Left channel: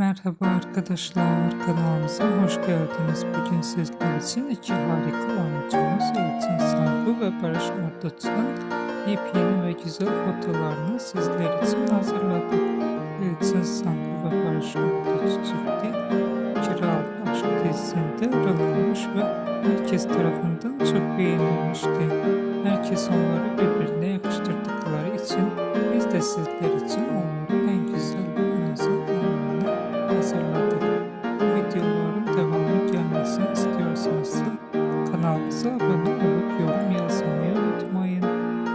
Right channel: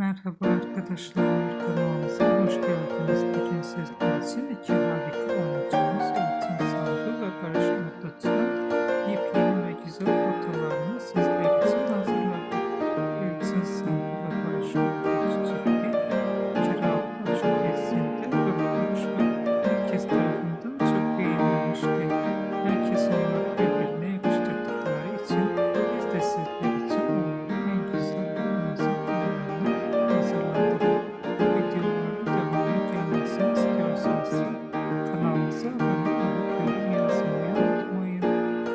Merhaba arkadaşlar, kanalımıza hoş geldiniz. Bugün sizler için iki harika oyuncumuz Elçin Sangu ve Barış Arduç'un yepyeni ve güzel fotolarını sizler için hazırladık. Elçin Sangu ve Barış Arduç çifti Kira Aşk dizisinde rol almış ve herkes tarafından çok beğenilmişti. Herkes onları birbirine yakıştırdıkları için biz de sizler için onların en güzel ve en özel anlarını hazırladık. Bu videoların devamı gelmesini istiyorsanız kanalımıza abone olup yorum yazmayı unutmayın.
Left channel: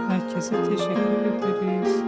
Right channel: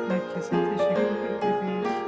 Herkese teşekkür ederiz.